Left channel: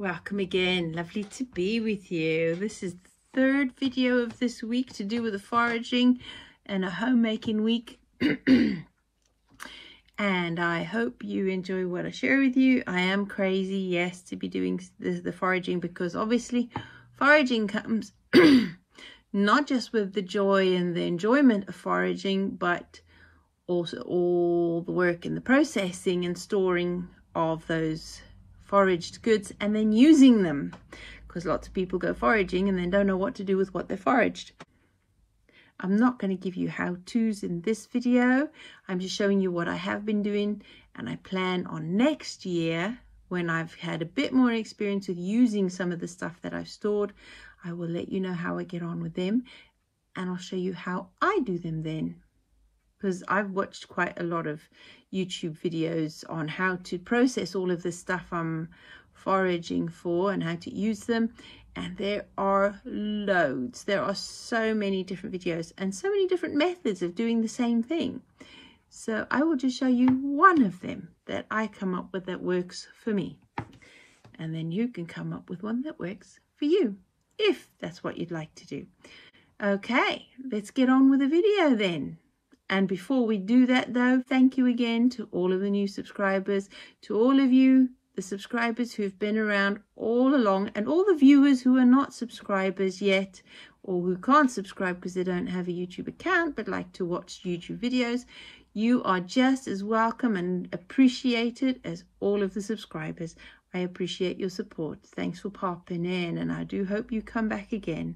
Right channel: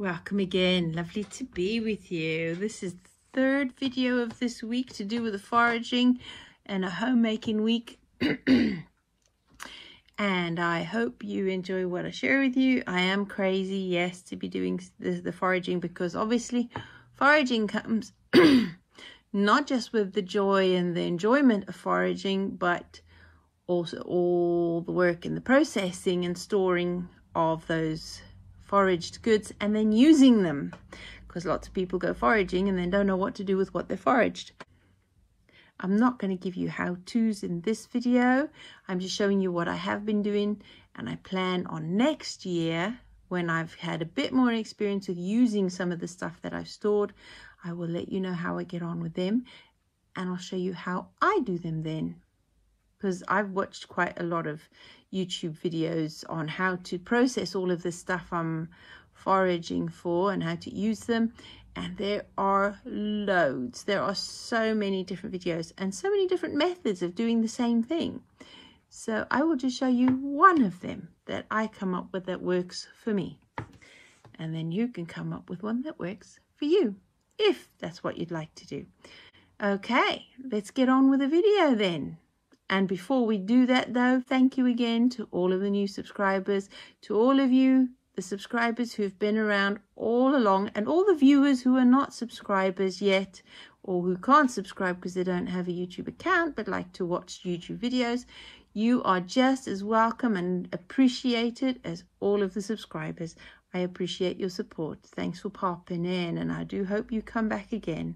Welcome again, lovely to be with you. This is the third video of this week to do with the foraging and a homemaking week. And I hope you enjoy what I share with you. I am crazy, yes, to be doing the foraging, because obviously foraging comes not just with the joy and the enjoyment of foraging, but also all the work and the processing and storing of those foraged goods and then using them, because lots of people go foraging and then don't know what to do with what they foraged. I'm not going to give you how-tos in this video. I'm just showing you what I have been doing, and I plan on next year, when I've had a bit more experience with using some of the stuff that I've stored, I will let you know how I get on with them, and I'll show you how I do them then, because I've watched quite a lot of YouTube videos on how to process all of the stuff I'm foraging for and how to use them, and there are loads. There are so many different videos and so many different methods of doing the same thing. So I will just show you one of them that I come up with that works for me, and then you can come up with one that works for you if that's what you'd like to do. Okay, let's get on with the video then. And before we do that though, thank you again to all of the new subscribers, to all of you, the subscribers who've been around all along, and all the viewers who are not subscribers yet, or who can't subscribe because they don't have a YouTube account but like to watch YouTube videos. You are just as welcome and appreciated as all of the subscribers. I appreciate your support. Thanks for popping in, and I do hope you come back again.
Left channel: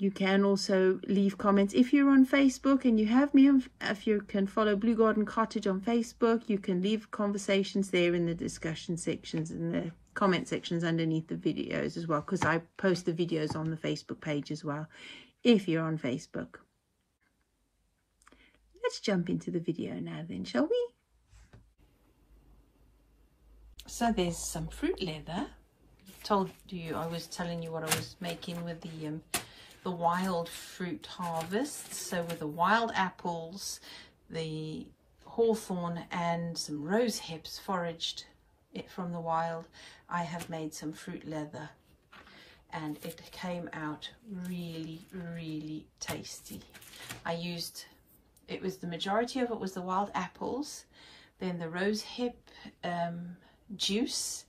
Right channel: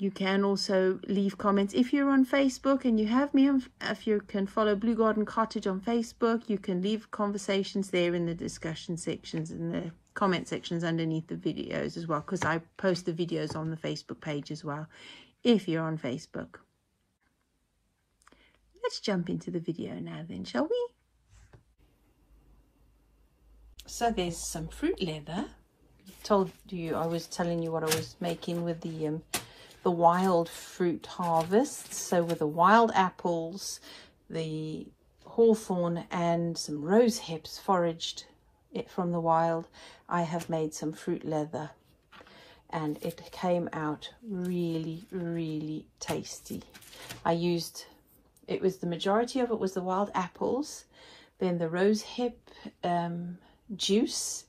You can also leave comments if you're on Facebook and you have me on, if you can follow Blue Garden Cottage on Facebook, you can leave conversations there in the discussion sections and the comment sections underneath the videos as well, because I post the videos on the Facebook page as well if you're on Facebook. Let's jump into the video now then, shall we? So there's some fruit leather. I was telling you what I was making with the wild fruit harvest. So with the wild apples, the hawthorn and some rose hips foraged it from the wild, I have made some fruit leather, and it came out really, really tasty. The majority of it was the wild apples, then the rose hip juice,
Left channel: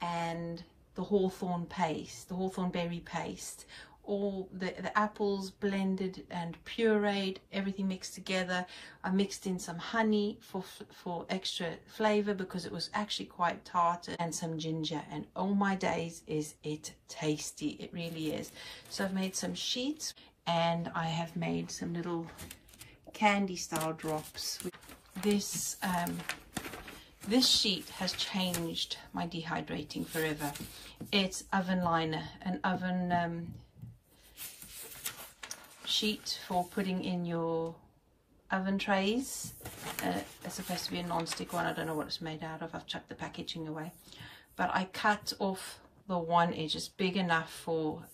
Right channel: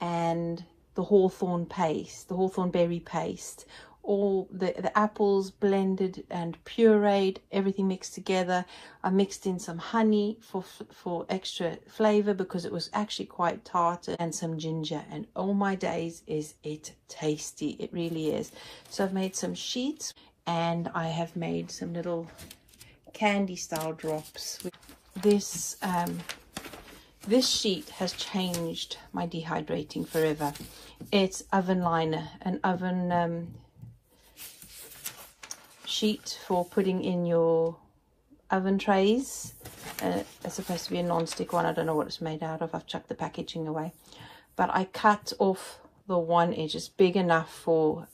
and the hawthorn paste, the hawthorn berry paste. All the apples blended and pureed, everything mixed together. I mixed in some honey for extra flavor because it was actually quite tart, and some ginger, and oh my days is it tasty. It really is. So I've made some sheets, and I have made some little candy style drops. This sheet has changed my dehydrating forever. It's oven liner, an oven sheet for putting in your oven trays. It's supposed to be a non-stick one. I don't know what it's made out of. I've chucked the packaging away, but I cut off the one edge. It's big enough for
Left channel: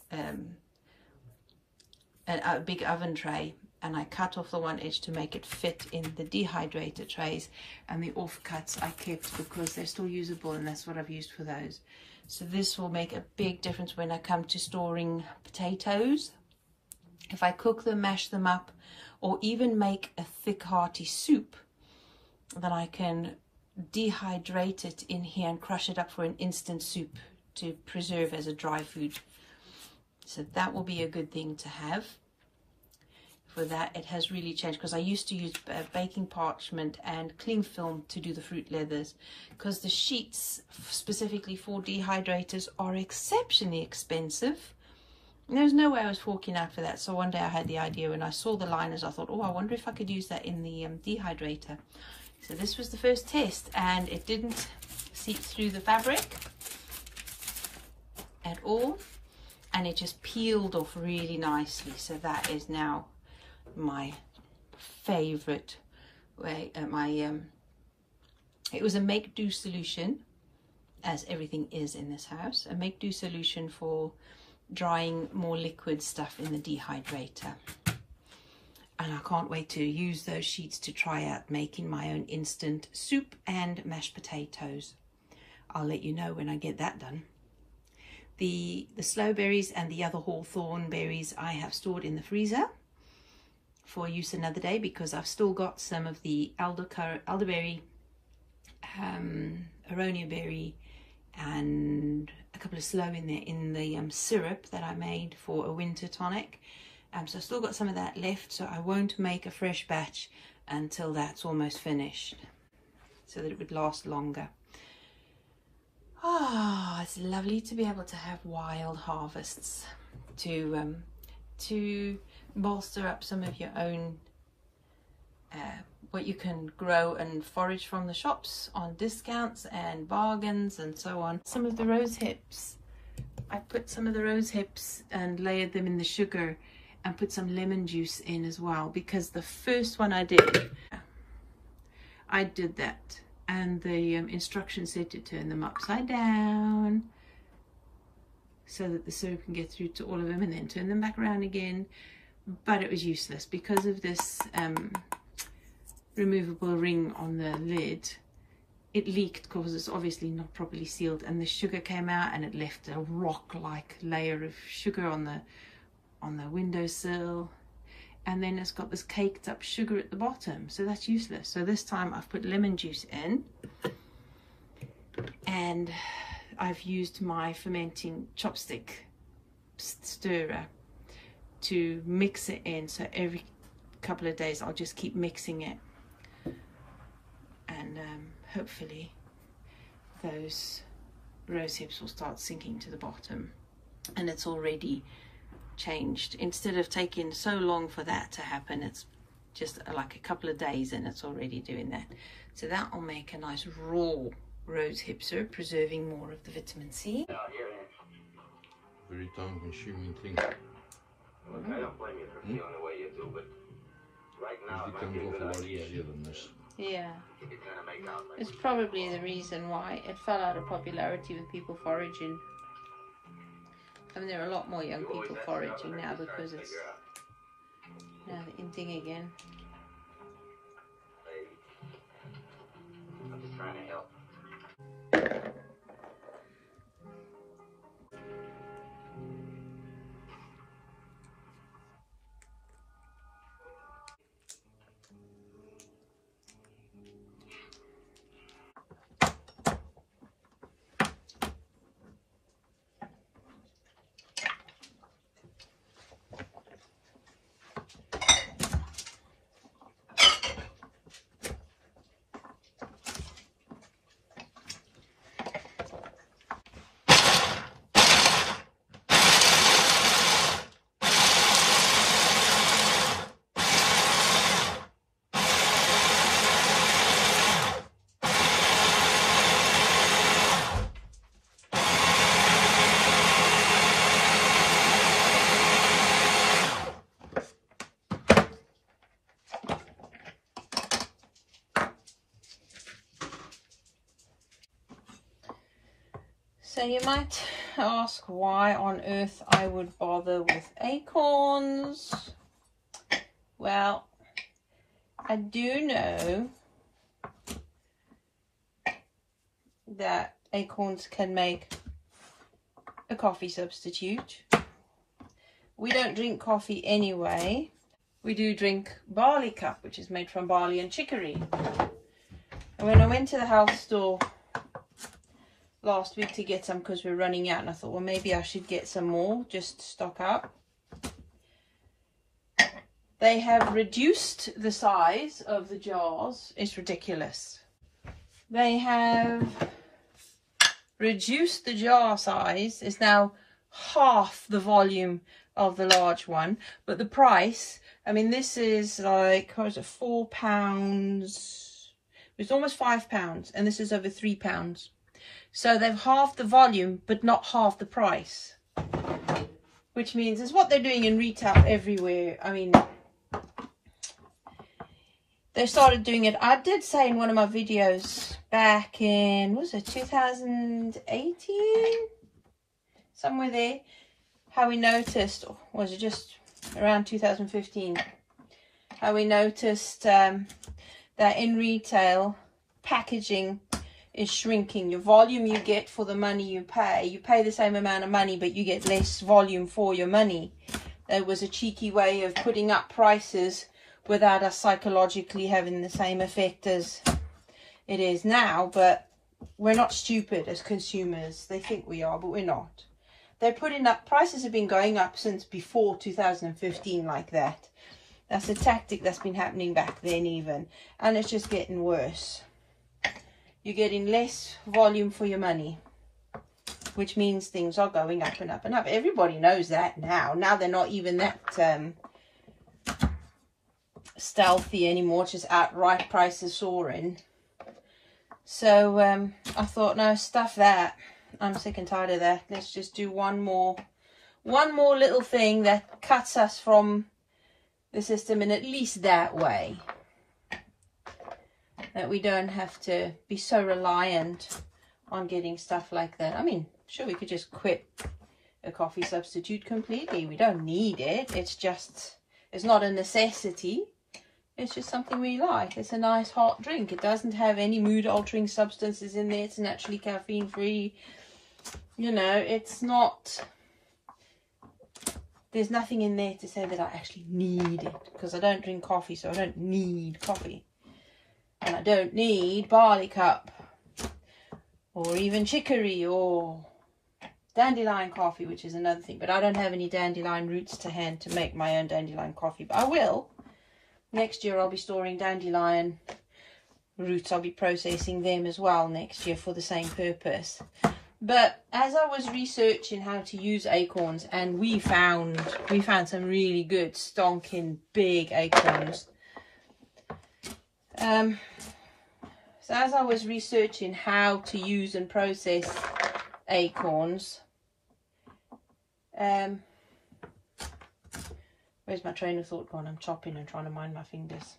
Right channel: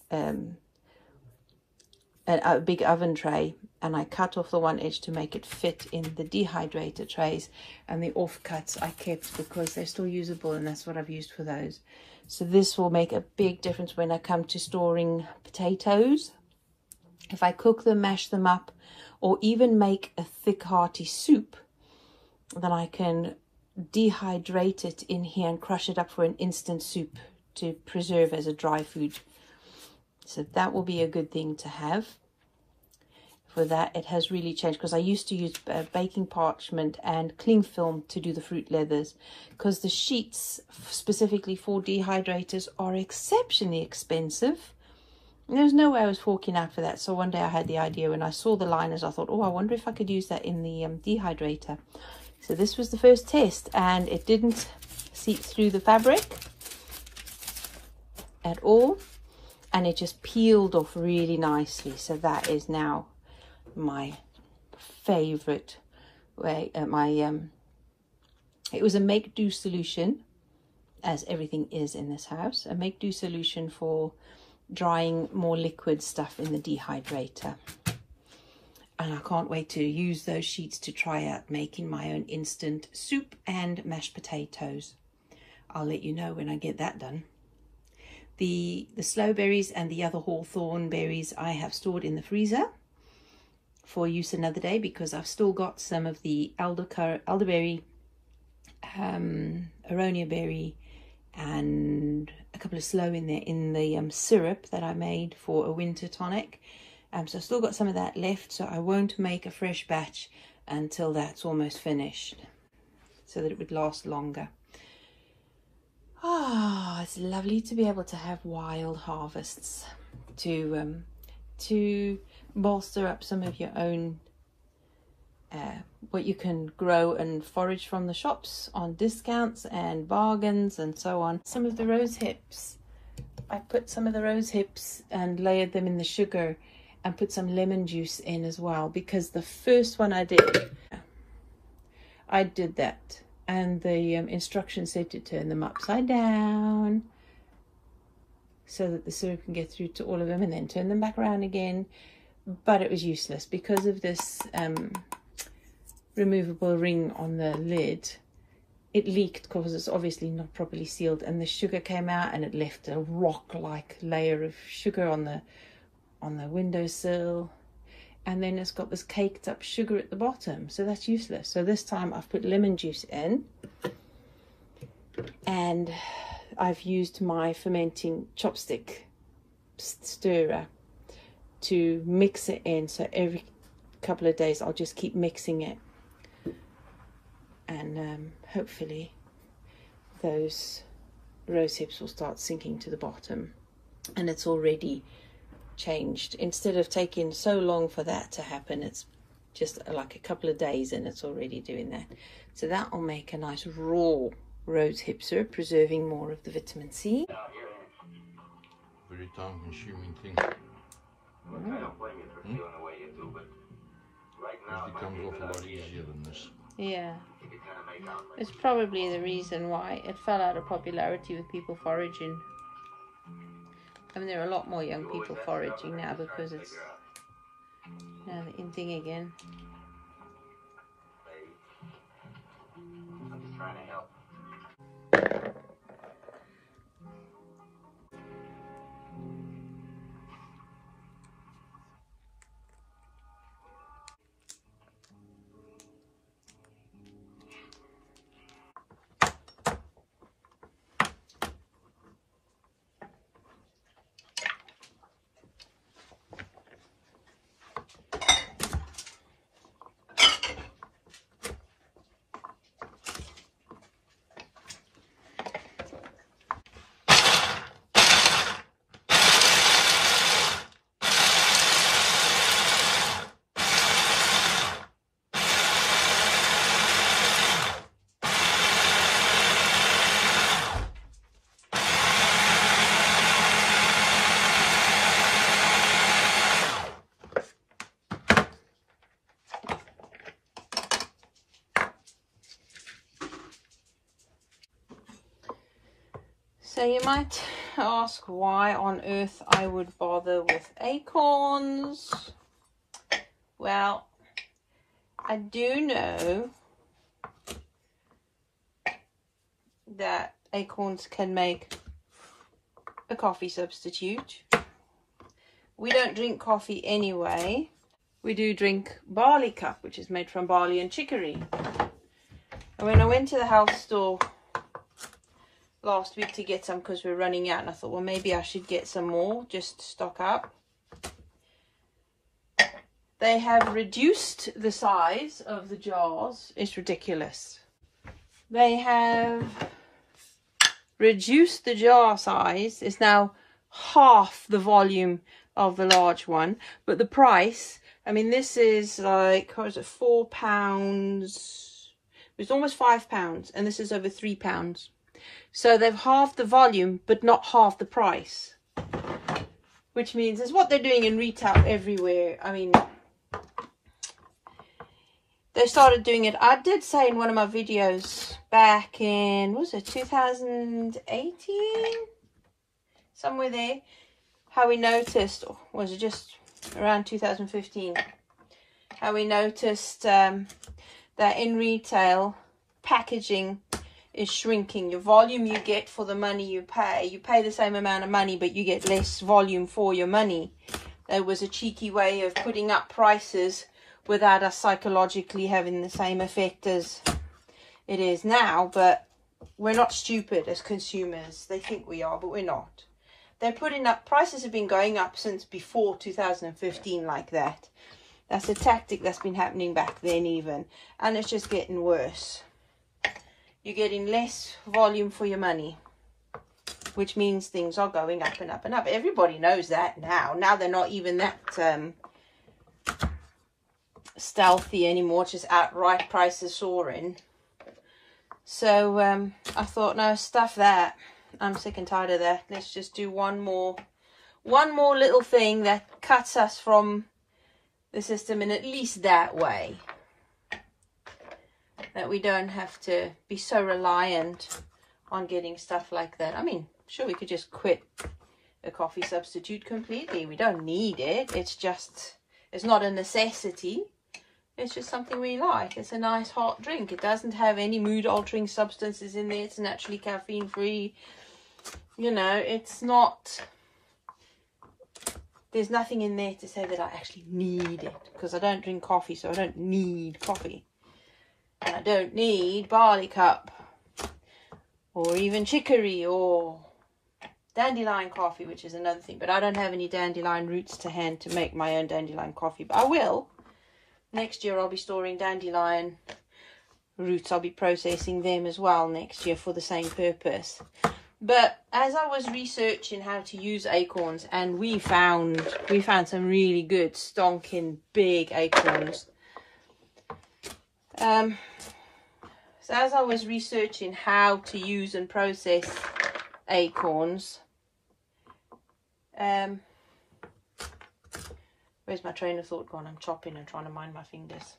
a big oven tray, and I cut off the one edge to make it fit in the dehydrator trays, and the offcuts I kept because they're still usable, and that's what I've used for those. So this will make a big difference when I come to storing potatoes. If I cook them, mash them up, or even make a thick hearty soup, then I can dehydrate it in here and crush it up for an instant soup to preserve as a dry food. So that will be a good thing to have. For that, it has really changed, because I used to use baking parchment and cling film to do the fruit leathers, because the sheets specifically for dehydrators are exceptionally expensive. There's no way I was forking out for that. So one day I had the idea, when I saw the liners, I thought, oh, I wonder if I could use that in the dehydrator. So this was the first test, and it didn't seep through the fabric at all, and it just peeled off really nicely. So that is now my favorite way. It was a make-do solution, as everything is in this house, a make-do solution for drying more liquid stuff in the dehydrator. And I can't wait to use those sheets to try out making my own instant soup and mashed potatoes. I'll let you know when I get that done. The sloe berries and the other hawthorn berries I have stored in the freezer for use another day, because I've still got some of the elderberry, aronia berry, and a couple of sloe in there in the syrup that I made for a winter tonic. So I've still got some of that left, so I won't make a fresh batch until that's almost finished, so that it would last longer. Ah, it's lovely to be able to have wild harvests to bolster up some of your own what you can grow and forage from the shops on discounts and bargains and so on. Some of the rose hips, I put some of the rose hips and layered them in the sugar and put some lemon juice in as well, because the first one I did that, and the instructions said to turn them upside down so that the syrup can get through to all of them, and then turn them back around again. But it was useless because of this removable ring on the lid. It leaked because it's obviously not properly sealed, and the sugar came out and it left a rock-like layer of sugar on the windowsill, and then it's got this caked up sugar at the bottom, so that's useless. So this time I've put lemon juice in, and I've used my fermenting chopstick stirrer to mix it in. So every couple of days I'll just keep mixing it, and hopefully those rose hips will start sinking to the bottom. And it's already changed. Instead of taking so long for that to happen, it's just like a couple of days and it's already doing that. So that will make a nice raw rose hip syrup, preserving more of the vitamin C. Very time consuming thing. I don't blame you for feeling the way you do, but right now It becomes awful lot easier than this. Yeah, it's probably the reason why it fell out of popularity with people foraging. I mean, there are a lot more young people foraging now because it's now the in thing again. I'm just trying to help. So you might ask why on earth I would bother with acorns. Well, I do know that acorns can make a coffee substitute. We don't drink coffee anyway. We do drink barley cup, which is made from barley and chicory. And when I went to the health store last week to get some, because we're running out, and I thought, well, maybe I should get some more just to stock up. They have reduced the size of the jars. It's ridiculous. They have reduced the jar size. It's now half the volume of the large one, but the price, I mean, this is like, what is it, £4? It's almost £5, and this is over £3. So they've halved the volume, but not half the price, which means it's what they're doing in retail everywhere. I mean, they started doing it. I did say in one of my videos back in, was it 2018? Somewhere there, how we noticed, or was it just around 2015, how we noticed that in retail packaging is shrinking. Your volume you get for the money you pay the same amount of money, but you get less volume for your money. It was a cheeky way of putting up prices without us psychologically having the same effect as it is now. But we're not stupid as consumers. They think we are, but we're not. They're putting up, prices have been going up since before 2015 like that. That's a tactic that's been happening back then even, and it's just getting worse. You're getting less volume for your money, which means things are going up and up and up. Everybody knows that now. Now they're not even that stealthy anymore, just outright prices soaring. So I thought, no, stuff that. I'm sick and tired of that. Let's just do one more little thing that cuts us from the system in at least that way, that we don't have to be so reliant on getting stuff like that. I mean, sure, we could just quit a coffee substitute completely. We don't need it. It's not a necessity. It's just something we like. It's a nice hot drink. It doesn't have any mood altering substances in there. It's naturally caffeine free. You know, it's not, there's nothing in there to say that I actually need it, because I don't drink coffee, so I don't need coffee. And I don't need barley cup or even chicory or dandelion coffee, which is another thing. But I don't have any dandelion roots to hand to make my own dandelion coffee, but I will. Next year I'll be storing dandelion roots. I'll be processing them as well next year for the same purpose. But as I was researching how to use acorns, and we found some really good stonking big acorns. So as I was researching how to use and process acorns, where's my train of thought gone? I'm chopping and trying to mind my fingers.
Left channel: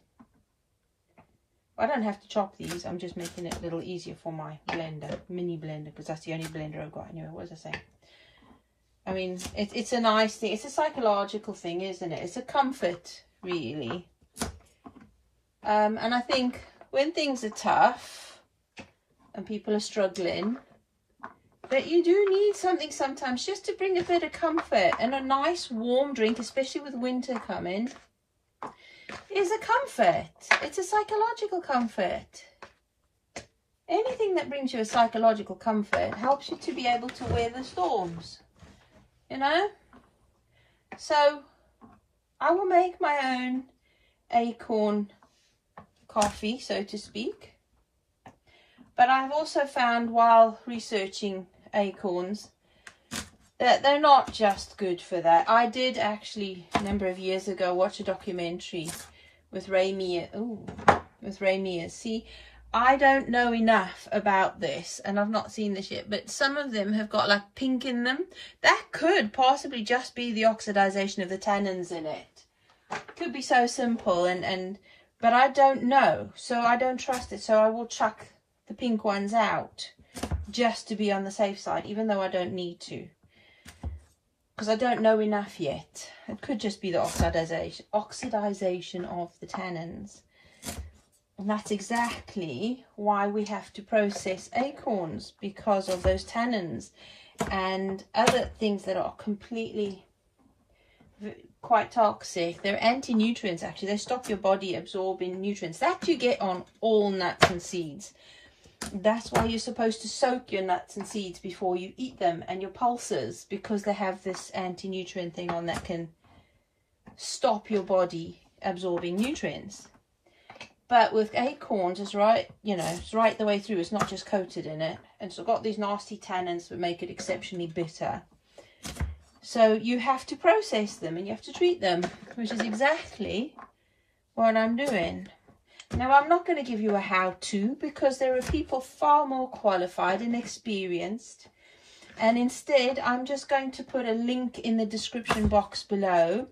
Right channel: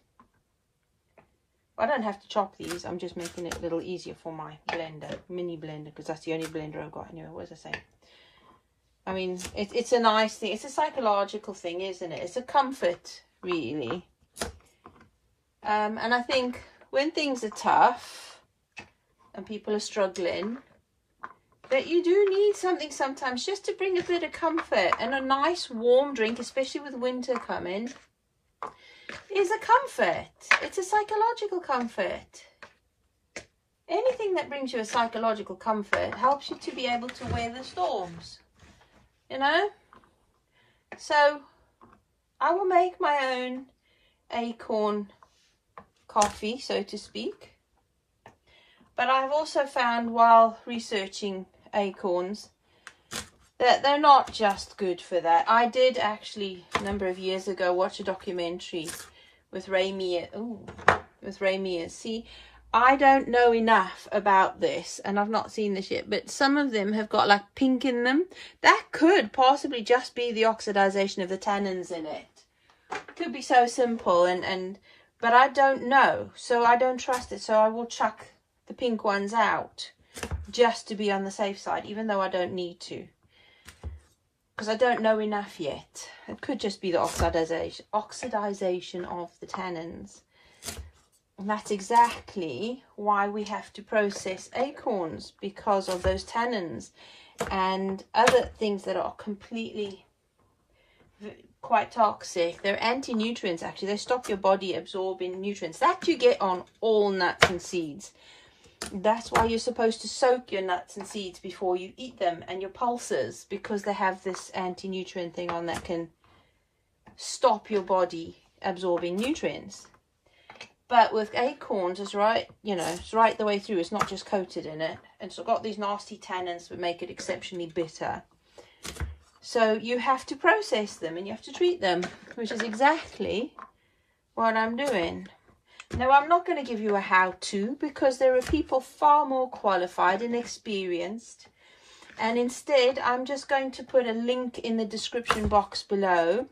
I don't have to chop these. I'm just making it a little easier for my blender, mini blender, because that's the only blender I've got. Anyway, what was I saying? I mean, it's a nice thing. It's a psychological thing, isn't it? It's a comfort, really. And I think when things are tough and people are struggling, that you do need something sometimes just to bring a bit of comfort. And a nice warm drink, especially with winter coming, is a comfort. It's a psychological comfort. Anything that brings you a psychological comfort helps you to be able to weather storms, you know. So I will make my own acorn coffee, so to speak. But I've also found while researching acorns that they're not just good for that. I did actually a number of years ago watch a documentary with Ray Mears. See, I don't know enough about this, and I've not seen this yet, but some of them have got like pink in them. That could possibly just be the oxidization of the tannins in it. It could be so simple, but I don't know, so I don't trust it. So I will chuck the pink ones out just to be on the safe side, even though I don't need to, because I don't know enough yet. It could just be the oxidization of the tannins. And that's exactly why we have to process acorns, because of those tannins and other things that are completely quite toxic. They're anti-nutrients, actually. They stop your body absorbing nutrients that you get on all nuts and seeds. That's why you're supposed to soak your nuts and seeds before you eat them, and your pulses, because they have this anti-nutrient thing on that can stop your body absorbing nutrients. But with acorns, it's right, you know, it's right the way through. It's not just coated in it. And so got these nasty tannins that make it exceptionally bitter. So you have to process them and you have to treat them, which is exactly what I'm doing. Now, I'm not going to give you a how-to, because there are people far more qualified and experienced. And instead, I'm just going to put a link in the description box below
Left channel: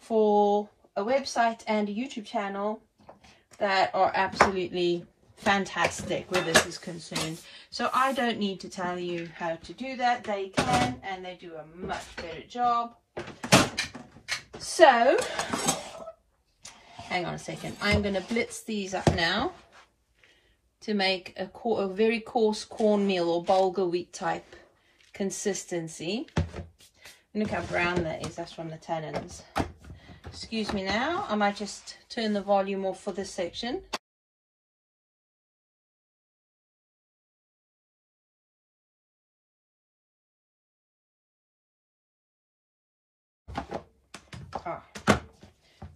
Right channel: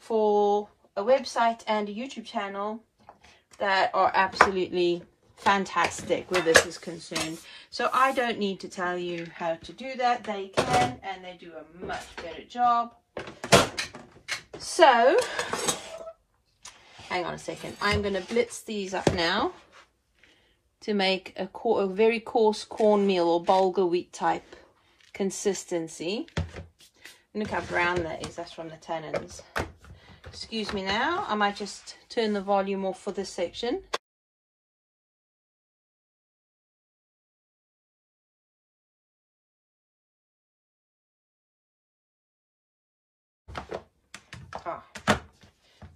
for a website and a YouTube channel that are absolutely fantastic where this is concerned. So I don't need to tell you how to do that. They can, and they do a much better job. So hang on a second. I'm going to blitz these up now to make a very coarse cornmeal or bulgur wheat type consistency. Look how brown that is. That's from the tannins. Excuse me now. I might just turn the volume off for this section.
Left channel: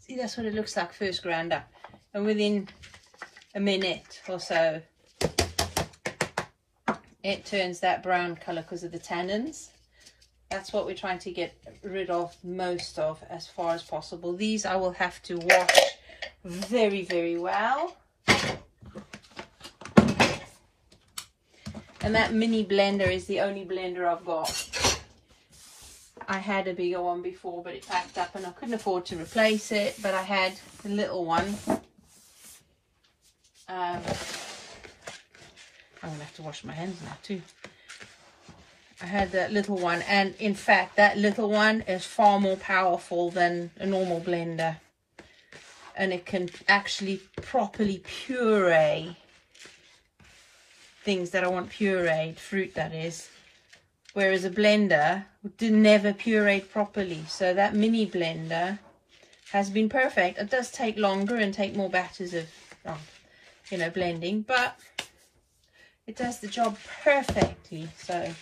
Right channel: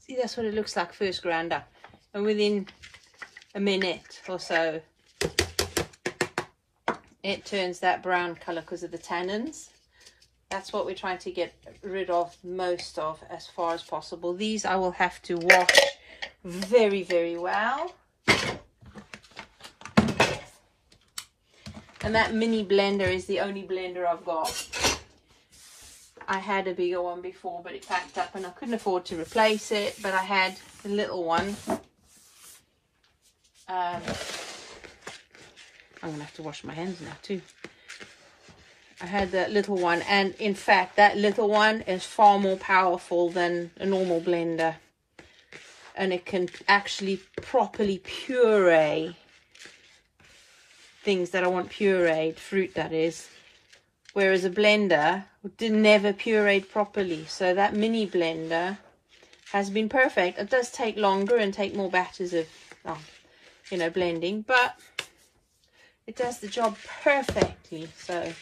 See, that's what it looks like first ground up. And within a minute or so, it turns that brown color because of the tannins. That's what we're trying to get rid of most of as far as possible. These I will have to wash very, very well. And that mini blender is the only blender I've got. I had a bigger one before, but it packed up and I couldn't afford to replace it. But I had a little one. I'm going to have to wash my hands now too. I had that little one, and in fact that little one is far more powerful than a normal blender. And it can actually properly puree things that I want pureed, fruit that is. Whereas a blender never pureed properly. So that mini blender has been perfect. It does take longer and take more batches of, you know, blending, but it does the job perfectly. So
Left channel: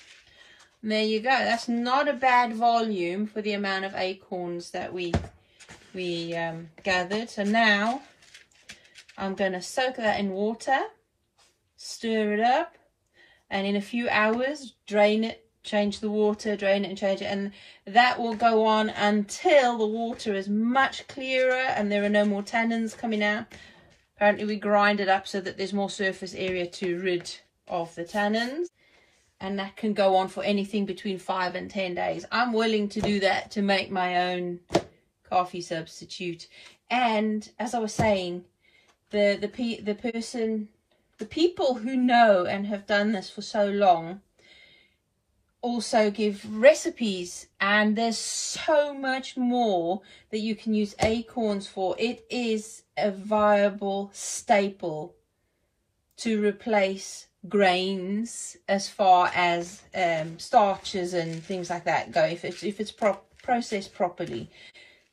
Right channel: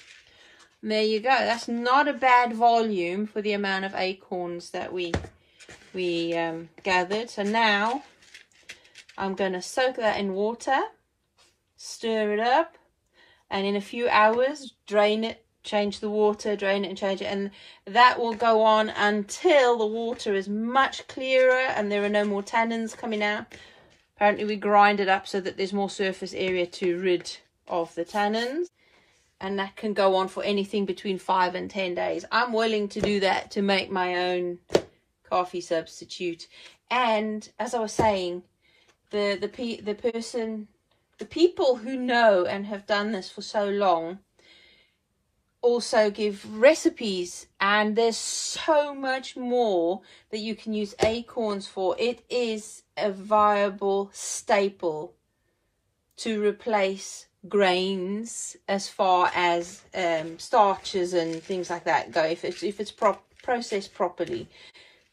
there you go. That's not a bad volume for the amount of acorns that we gathered. So now I'm going to soak that in water, stir it up, and in a few hours drain it, change the water, drain it and change it, and that will go on until the water is much clearer and there are no more tannins coming out. Apparently we grind it up so that there's more surface area to rid of the tannins, and that can go on for anything between 5 and 10 days. I'm willing to do that to make my own coffee substitute. And as I was saying, the people who know and have done this for so long also give recipes, and there's so much more that you can use acorns for. It is a viable staple to replace grains as far as starches and things like that go, if it's processed properly.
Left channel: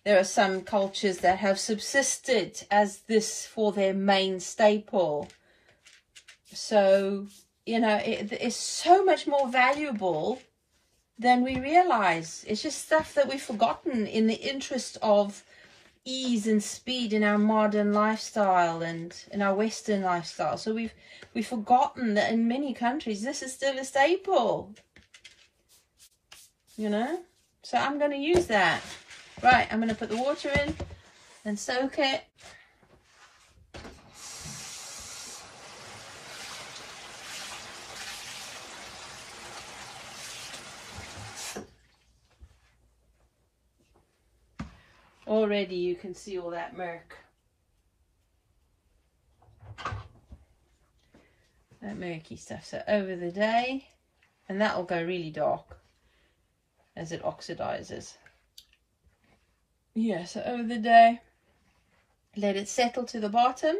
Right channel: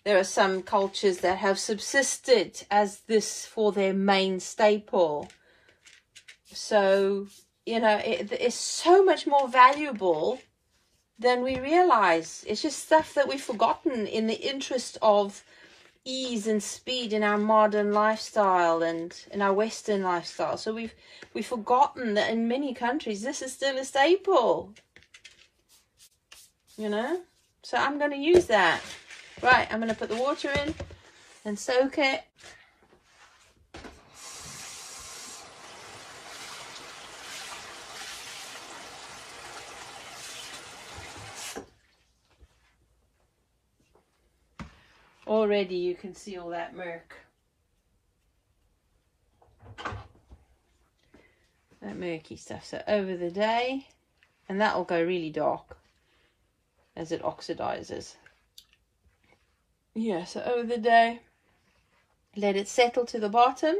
There are some cultures that have subsisted as this for their main staple. So, you know, it is so much more valuable than we realize. It's just stuff that we've forgotten in the interest of ease and speed in our modern lifestyle and in our Western lifestyle. So we've forgotten that in many countries this is still a staple, you know. So I'm going to use that. Right, I'm going to put the water in and soak it. Already you can see all that murk. That murky stuff. So over the day, and that will go really dark as it oxidizes. Yeah, so over the day, let it settle to the bottom,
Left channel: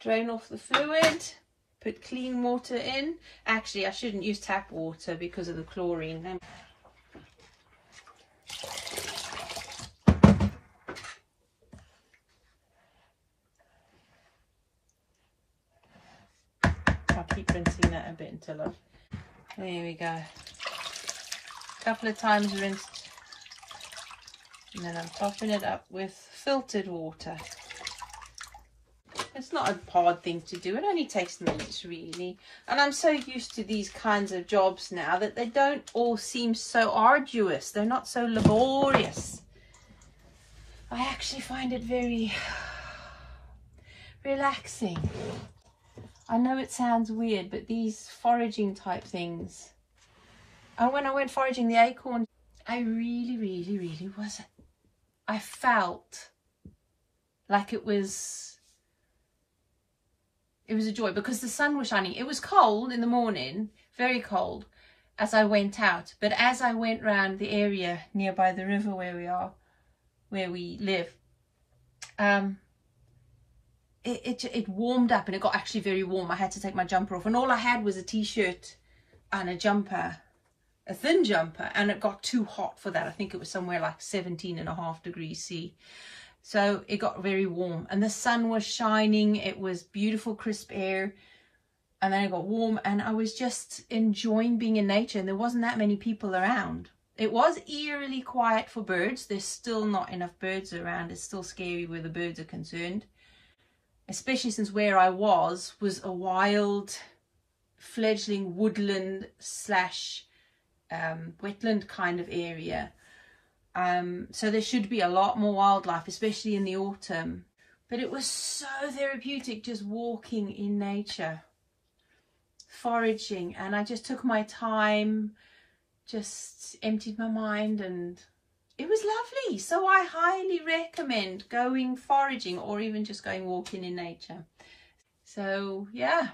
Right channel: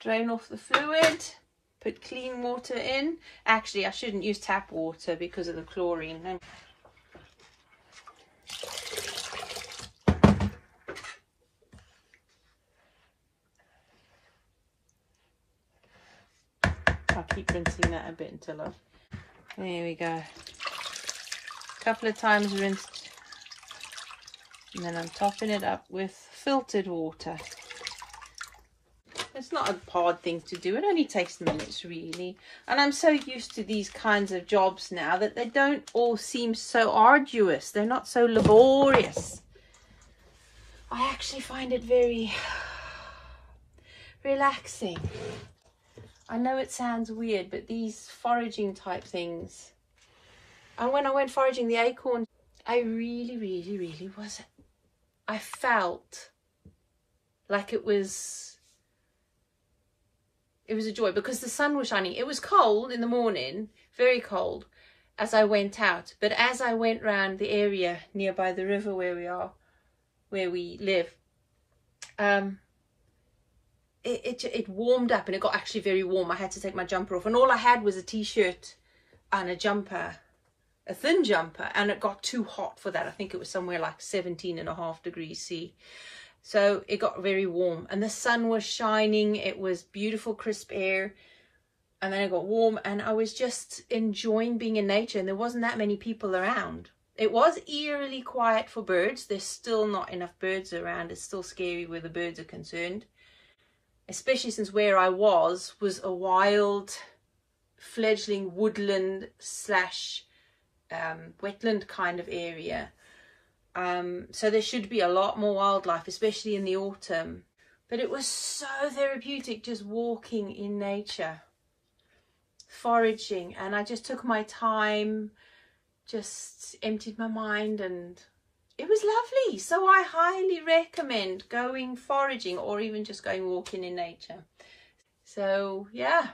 drain off the fluid, put clean water in. Actually, I shouldn't use tap water because of the chlorine. I'll keep rinsing that a bit until I've... There we go. A couple of times rinsed. And then I'm topping it up with filtered water. It's not a hard thing to do. It only takes minutes, really. And I'm so used to these kinds of jobs now that they don't all seem so arduous. They're not so laborious. I actually find it very relaxing. I know it sounds weird, but these foraging type things. And when I went foraging the acorns, I really was... I felt like it was a joy because the sun was shining. It was cold in the morning, very cold, as I went out. But as I went round the area nearby the river where we live, it warmed up, and it got actually very warm. I had to take my jumper off, and all I had was a t-shirt and a jumper, a thin jumper, and it got too hot for that. I think it was somewhere like 17.5 degrees C. So it got very warm, and the sun was shining. It was beautiful, crisp air. And then it got warm, and I was just enjoying being in nature, and there wasn't that many people around. It was eerily quiet for birds. There's still not enough birds around. It's still scary where the birds are concerned, especially since where I was a wild fledgling woodland slash wetland kind of area. So there should be a lot more wildlife, especially in the autumn. But it was so therapeutic just walking in nature, foraging, and I just took my time, just emptied my mind, and it was lovely. So I highly recommend going foraging, or even just going walking in nature. So yeah,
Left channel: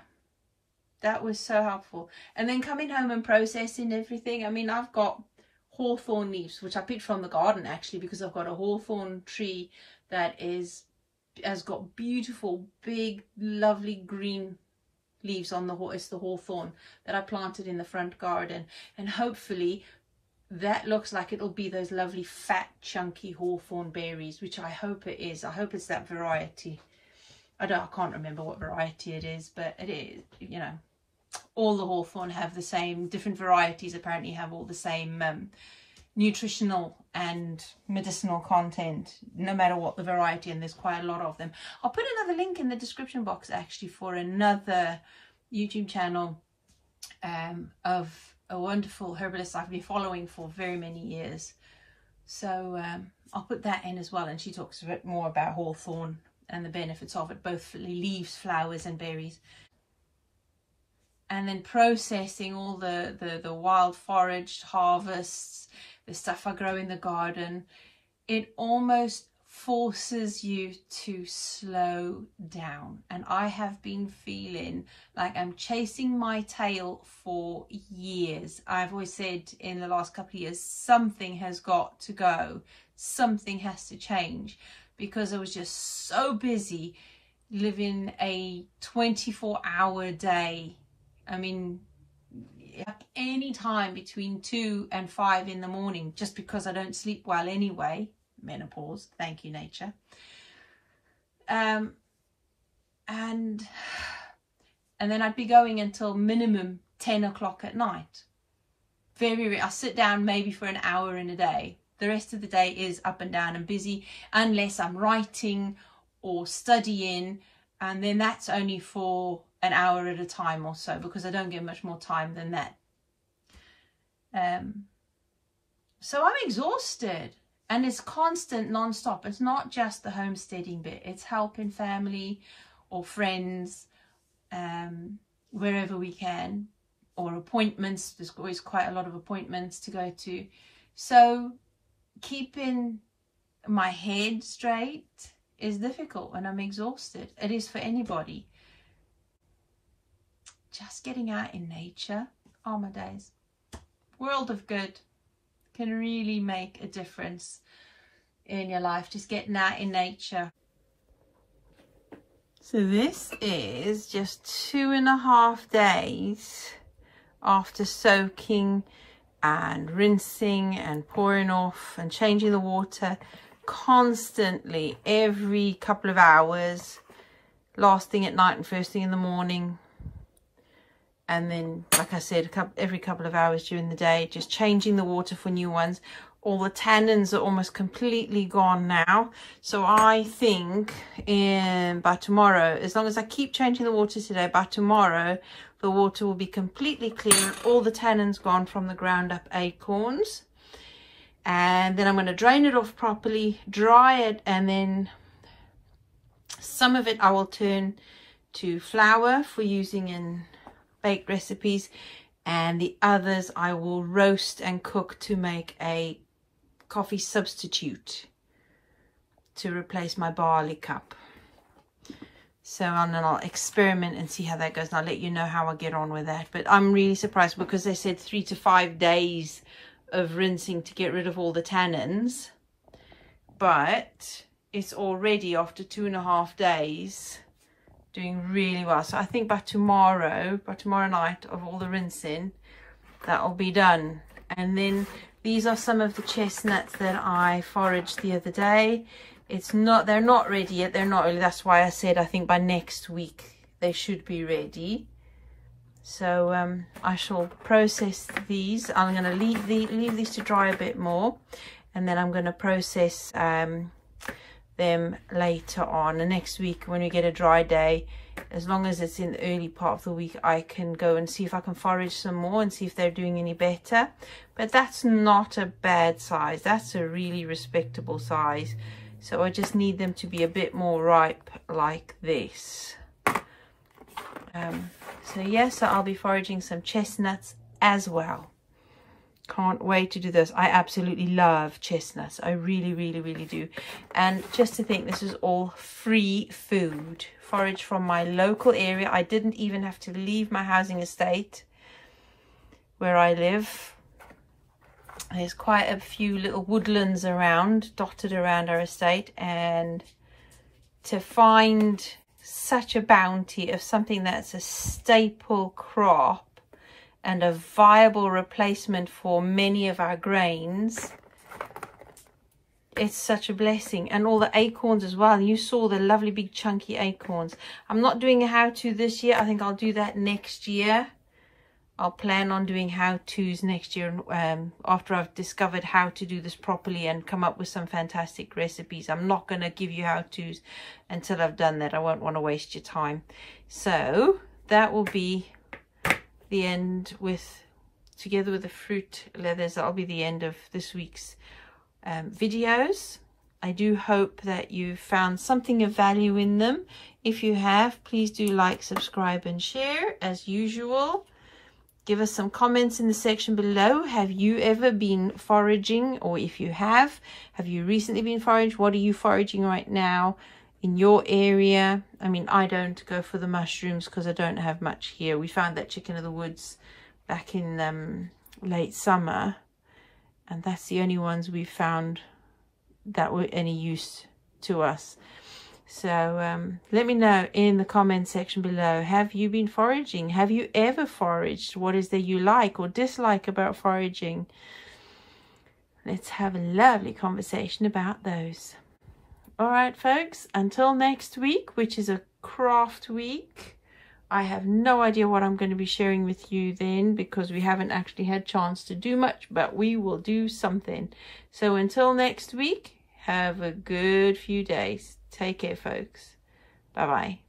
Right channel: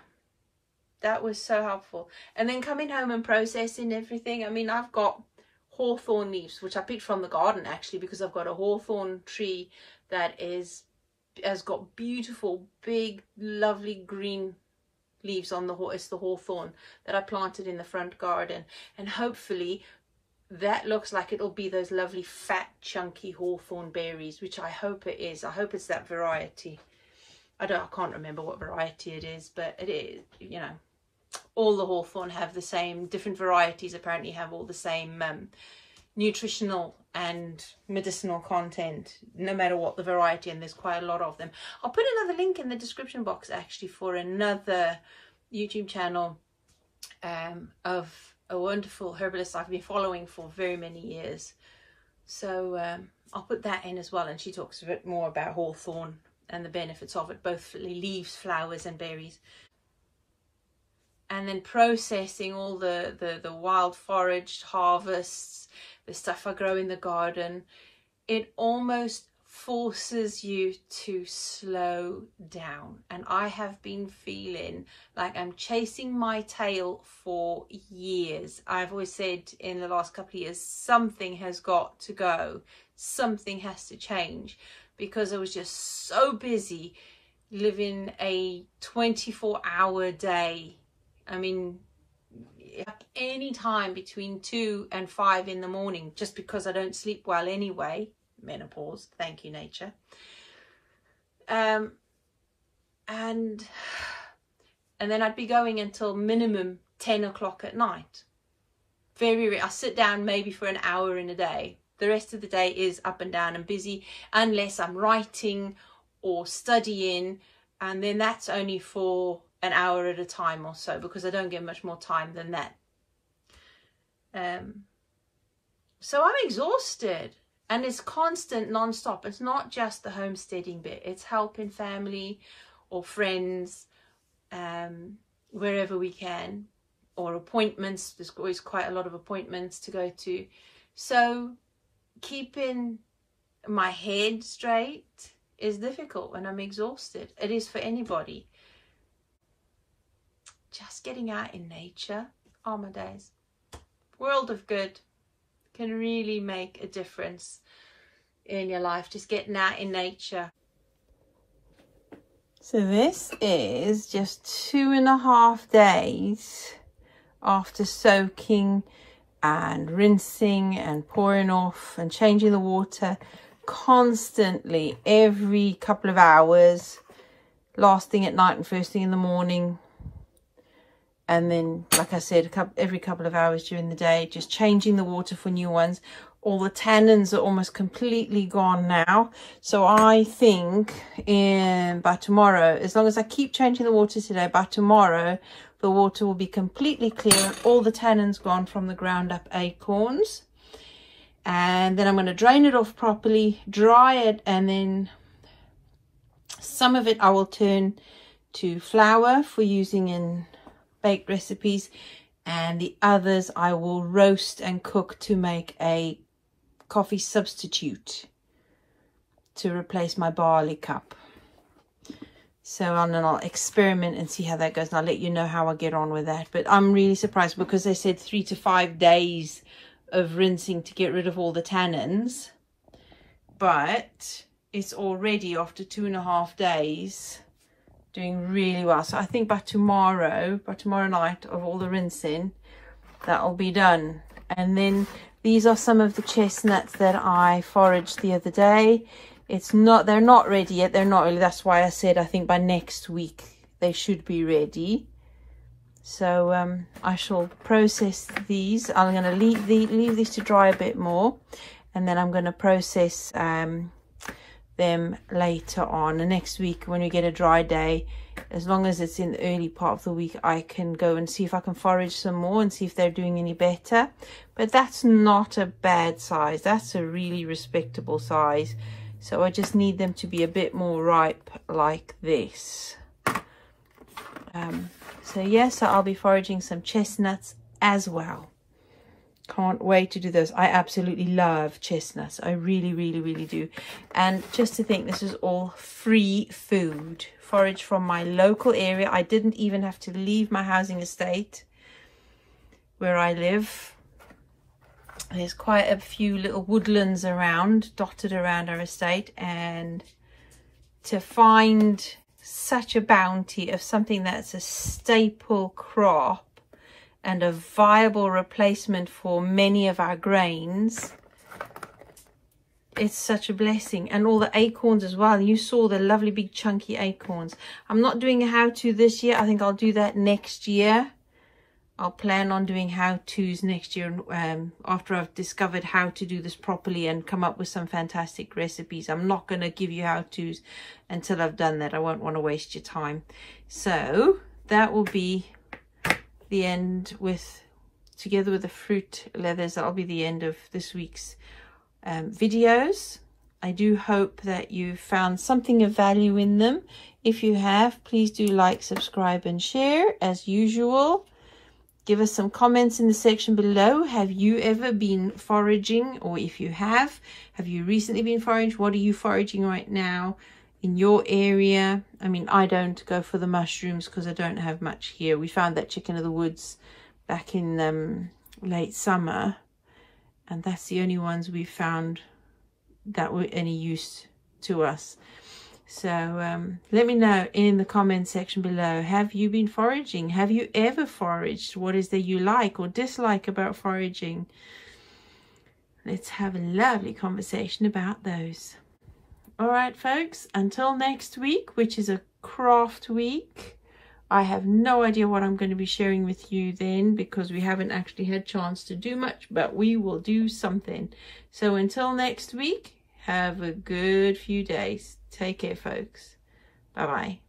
that was so helpful. And then coming home and processing everything. I mean, I've got hawthorn leaves, which I picked from the garden actually, because I've got a hawthorn tree that has got beautiful big lovely green leaves on it's the hawthorn that I planted in the front garden, and hopefully that looks like it'll be those lovely fat chunky hawthorn berries, which I hope it is. I hope it's that variety. I can't remember what variety it is, but it is, you know, all the hawthorn have the same, different varieties apparently have all the same nutritional and medicinal content, no matter what the variety, and there's quite a lot of them. I'll put another link in the description box actually for another YouTube channel of a wonderful herbalist I've been following for very many years. So I'll put that in as well, and she talks a bit more about hawthorn and the benefits of it, both for leaves, flowers and berries. And then processing all the wild foraged harvests, the stuff I grow in the garden, it almost forces you to slow down. And I have been feeling like I'm chasing my tail for years. I've always said in the last couple of years, something has got to go, something has to change, because I was just so busy living a 24-hour day. I mean, any time between 2 and 5 in the morning, just because I don't sleep well anyway. Menopause, thank you nature. And then I'd be going until minimum 10 o'clock at night. I sit down maybe for an hour in a day. The rest of the day is up and down and busy, unless I'm writing or studying, and then that's only for an hour at a time or so, because I don't get much more time than that. So I'm exhausted, and it's constant non-stop. It's not just the homesteading bit, it's helping family or friends wherever we can, or appointments. There's always quite a lot of appointments to go to. So keeping my head straight is difficult when I'm exhausted. It is for anybody. Just getting out in nature, oh my days, world of good, can really make a difference in your life, just getting out in nature. So this is just 2.5 days after soaking and rinsing and pouring off and changing the water constantly every couple of hours, last thing at night and first thing in the morning. And then, like I said, every couple of hours during the day, just changing the water for new ones. All the tannins are almost completely gone now. So I think by tomorrow, as long as I keep changing the water today, by tomorrow, the water will be completely clear and all the tannins gone from the ground up acorns. And then I'm going to drain it off properly, dry it, and then some of it I will turn to flour for using in baked recipes, and the others I will roast and cook to make a coffee substitute to replace my barley cup. So I'll experiment and see how that goes, and I'll let you know how I get on with that. But I'm really surprised, because they said 3 to 5 days of rinsing to get rid of all the tannins, but it's already, after 2.5 days, doing really well. So I think by tomorrow night of all the rinsing, that'll be done. And then these are some of the chestnuts that I foraged the other day. They're not ready yet. They're not really. That's why I said I think by next week they should be ready. So I shall process these. I'm going to leave these to dry a bit more, and then I'm going to process them later on. And next week when we get a dry day, as long as it's in the early part of the week, I can go and see if I can forage some more and see if they're doing any better. But that's not a bad size. That's a really respectable size. So I just need them to be a bit more ripe like this. So yes, I'll be foraging some chestnuts as well. Can't wait to do this. I absolutely love chestnuts. I really, really, really do. And just to think, this is all free food. Forage from my local area. I didn't even have to leave my housing estate where I live. There's quite a few little woodlands around, dotted around our estate. And to find such a bounty of something that's a staple crop and a viable replacement for many of our grains, it's such a blessing. And all the acorns as well. You saw the lovely big chunky acorns. I'm not doing a how-to this year. I think I'll do that next year. I'll plan on doing how-tos next year after I've discovered how to do this properly and come up with some fantastic recipes. I'm not going to give you how-tos until I've done that. I won't want to waste your time. So that will be the end together with the fruit leathers. That'll be the end of this week's videos. I do hope that you found something of value in them. If you have, please do like, subscribe and share as usual. Give us some comments in the section below. Have you ever been foraging? Or if you have you recently been foraging? What are you foraging right now in your area? I mean, I don't go for the mushrooms because I don't have much here. We found that chicken of the woods back in late summer, and that's the only ones we found that were any use to us. So let me know in the comment section below. Have you been foraging? Have you ever foraged? What is there you like or dislike about foraging? Let's have a lovely conversation about those. All right, folks, until next week, which is a craft week. I have no idea what I'm going to be sharing with you then, because we haven't actually had a chance to do much, but we will do something. So until next week, have a good few days. Take care, folks. Bye-bye.